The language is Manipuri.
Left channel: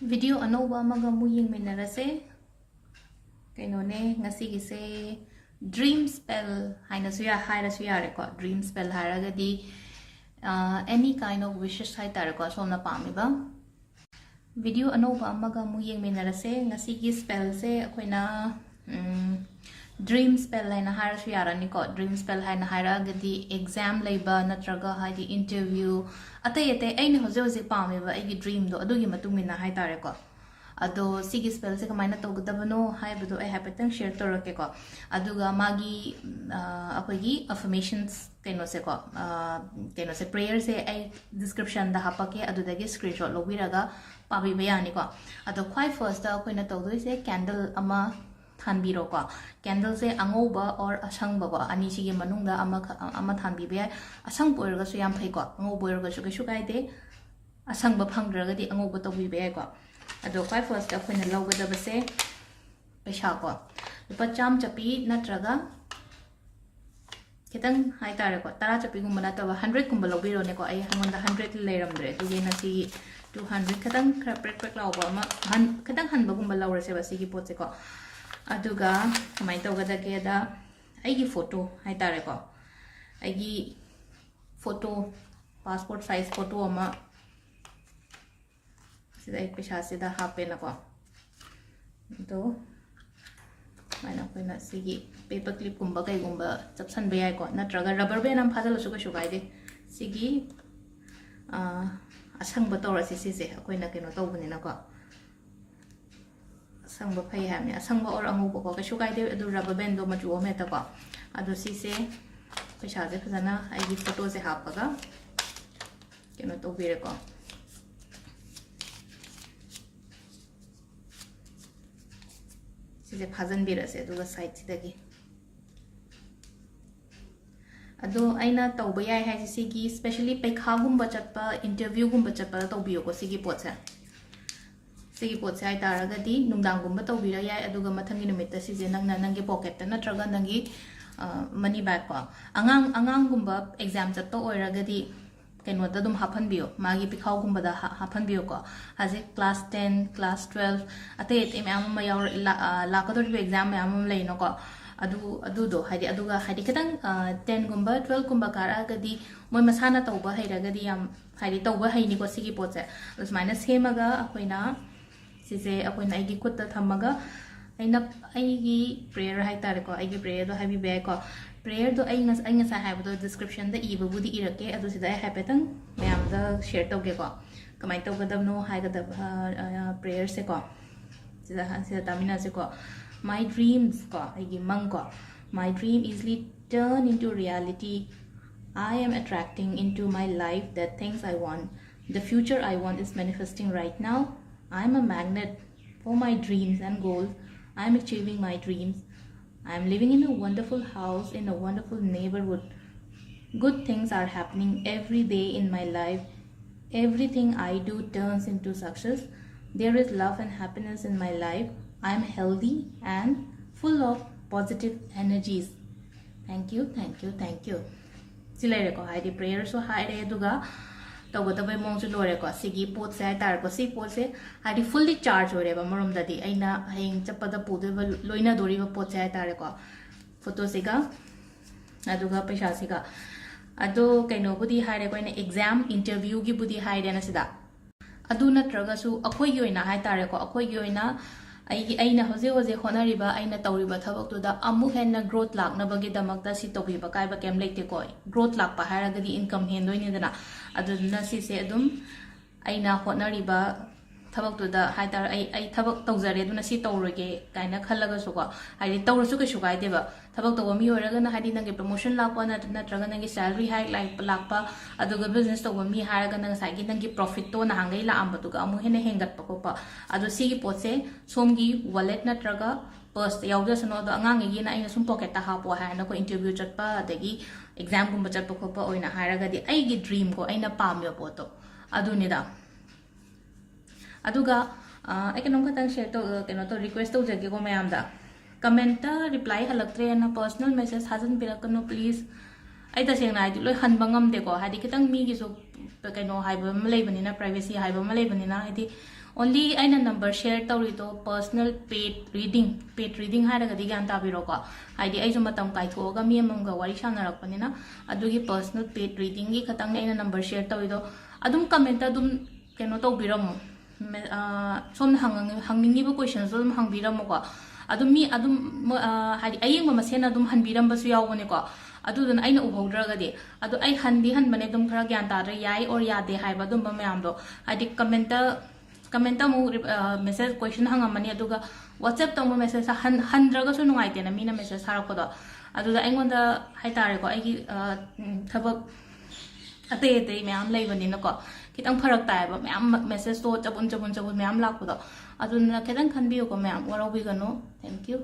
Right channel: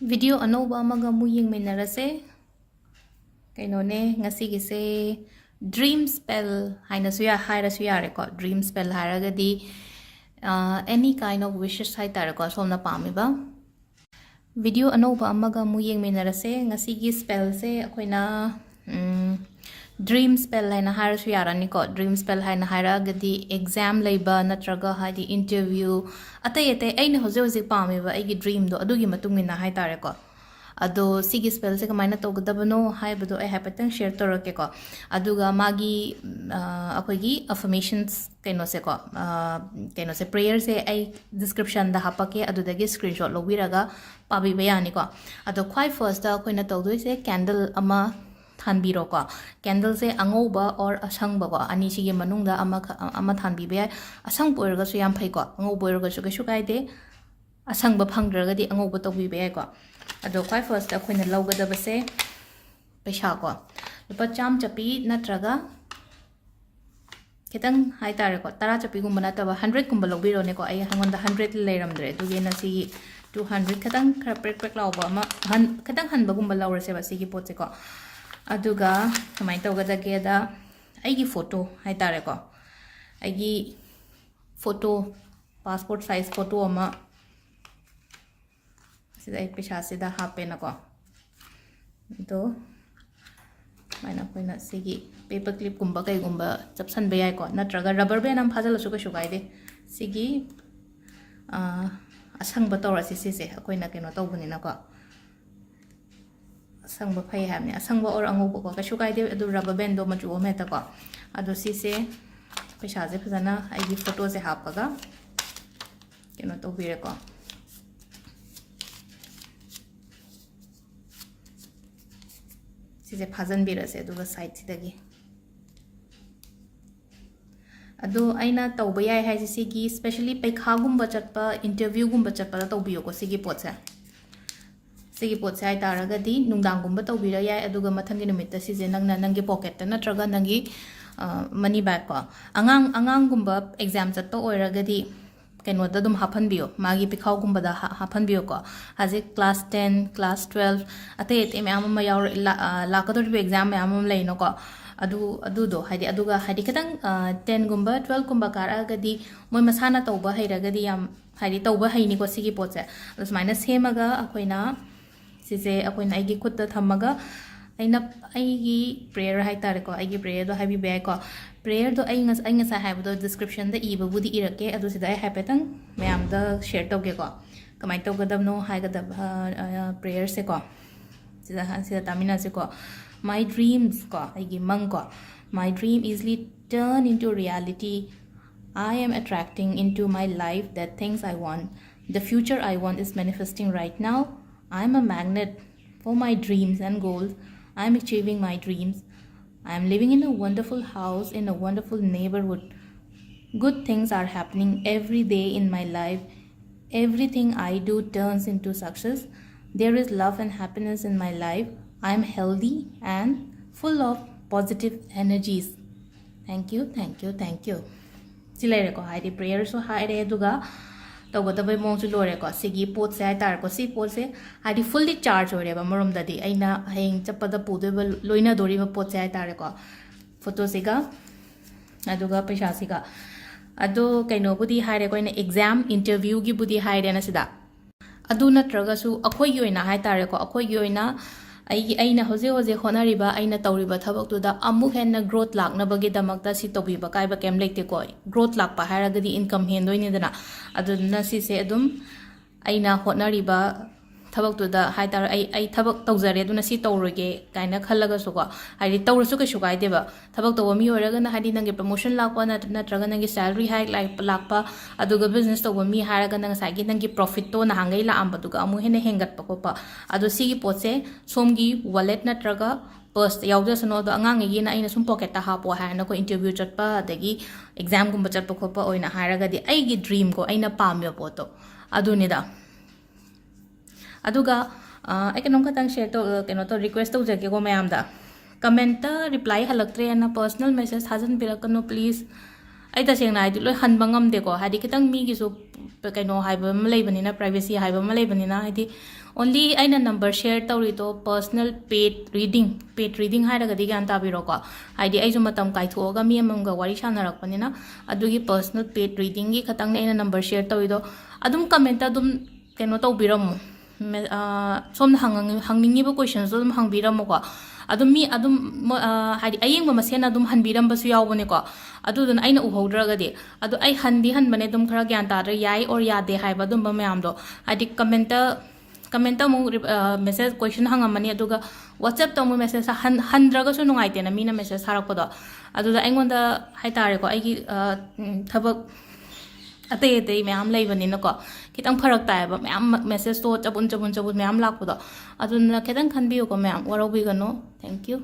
Video anova amaga mu yengminarase kainone ngasi gise dream spell haina suya haira suya reko dream spell haragadi any kind of wishes hai tareko somna pamiba video anova amaga mu yengminarase ngasi gi spell se akoina dream spell haina haira suya rani ko dream spell haina haragadi exam labor natraga hadi interview atay aina hoje hoje pamiba aigi dream do adugi matungina hai tareko ado sigi spell se kamaina togadabano haibado I hapatang share torake ko aduga magi akogi affirmations kaino se prayer se ai description da hapake adudagi screenshot lobiraga pabi bayani ko ado khwai first da koina togdoi se candle ama thanbiro ko candle se angoba or asangba ko ani sigi manungda ama thanbi be asang poirga su yam phai ko ngo boirga su ke su kaide asangba phangdraga di angoba tobi be ko ado kwai first akoina lawgada base paisa ko lupa cham chapi natraga kitang hai tare ko tara chapi gumba na taba 100 gumba lobiro ne ko ai hangonda 100 leiramdre dugi na si 200 kitang khra prek prek lawba ma kitang hanba gumba lawrase ba sigi potse ko aduga kamai tawgada ke da aigi photo hai tare ko aigi photo passport size photo ama sida ek pisha sida hape na ko to maina koina sigi paper clip gumba kai gumba chapsan be ai ko natraga rubber band am phajal su ko shugai de sigi asang ba tora si se koina keno to buni na ko asang ba phai ha mi asang ba or angu ko ka shugai de adu rubber band do ma chu me ta ko adu si se pisha je phajana ai gi photo se hapaga keno to be ko सिसे फाजन बिरसे दुगा साइड सिदगी अदो आइना तौबा याय हाय सिगी स्पेशली पैखा गुंबा चटपा इंटरव्यू गुंबा चटपा तौबियो को सिगी पोचे आइ तारगदी नुंगदांग गुंबा तौबिरा याय अदुगा मथंगी नुमित सिजे नंगना नंगी पॉकेट नत्रगा नंगी मनी बैग को अंगांग गुंबा एग्जाम चटपा ओइरगदी कैनोदा दुम हाफन बियो मागी पिखाव गुंबदा हाफन बियो को हाजे क्लास 10 क्लास 12 अते एते मैम मा याव लाकदोर बि एग्जाम मैम लेनो को अदु दो हाइदि अदुगा हाइदि खतंग 10 गुंबा 12 गुंबा कारगदी मोय मसाना तौबा हैरगदी याम हाइदि तौबा हैनि को सिगी पोचे उसमाइना सेमगा अखोइना सिसे अखोइना आइगी खुत्ता थमगा आइगी प्रेयर हाइ तारे को आइगी प्रेयर दो हाइबि बे को prayer do ai ngasa ha do description da iba budi irake adu sida ai hapetang mayam da share to ge ko kamai to gadam no ha gadam prayer se ko sida tamina se ko my dreams ko ai gi mang ko my dream easily turn into reality. I am attracting into my life the things I want. The future I want is manifesting right now. I am a magnet for my dreams and goals. I am achieving my dreams. I am living in a wonderful house in a wonderful neighborhood. Good things are happening every day in my life. Everything I do turns into success. There is love and happiness in my life. I am healthy and full of positive energies. Thank you, thank you, thank you. Silai ko hai di prayer so hai re duga tawada bai mong su lore ko sigi pot se tar ko si pot se hari fully charge ore ba morom da di aina heng chapada pude ba loina dori ba pot se tar ko photo siga aduga paisa siga ado kaino budi haire ko ina exam interview gi budi haire na sida adu natraga su akhoi gi oina hai tar ko akhoi gi oina aina hoje honariba aina tawriba thabak tu da amu henna growth lakna bagi damak da si tobi ba kai ba kem lekte ko growth lak pa haragadi income hen doi ne dana aduna si se adum aina honariba thabak tu da hai tar ai thabak tawjare aduna si tawroge kaina khallaga su ko ai tawrasu ke su kai deba thabak to mi horaga na hadi nange promotion lakpa na natraga nange salary hike lakpa aduga business to mi haraga nang sai gi nange profit to na hangai la am batuga amu hene hengat pa ko pa adu si gi potse somgi wallet natraga purse yawda sano do angang gi na ina sum pocket ta ha po ha na ko interview chatpa adagi exam gum chatpa ko pa oina haraga di ai gi dream ko aina pamyo po to adu ni da aduga econom khatang share to keno to request to jage ko mayam da comment ta reply halaktre na personal message hajan birakano please ai ta sengna ai loi han bangam de ko hadi kitang mi gi so kano haiba ma lebanina privacy haiba ma lebanina haidi only aina number share tawrido personal paid reading hairaga di gan tabiro ko haidi ai ju matam kai thoga mi amamga wari sanarakpanina adugi personal paid reading gi khatang aina number share tawrido adum comment adum kano tawbiramu som hangningi ba questions adum hangbiramu ko adum mi adum haidi ayeng ma sen adum hanbiram basu yawbane ko adudun aina uhodragadi adu ai hanbane dum khara gyan ta yai or yade haiba dum ba mayam do haidi comment mu message question hangamani aduga whatsapp to mu message handraga su nungai tena mina message harak ko do aduda aingonda haitare ko aigi thabak ate mayam leibani na ko kitang pharak tai ba mayam message to chabun mayam lakko do aduna kedan khanbi ko mayam warawi gano thank you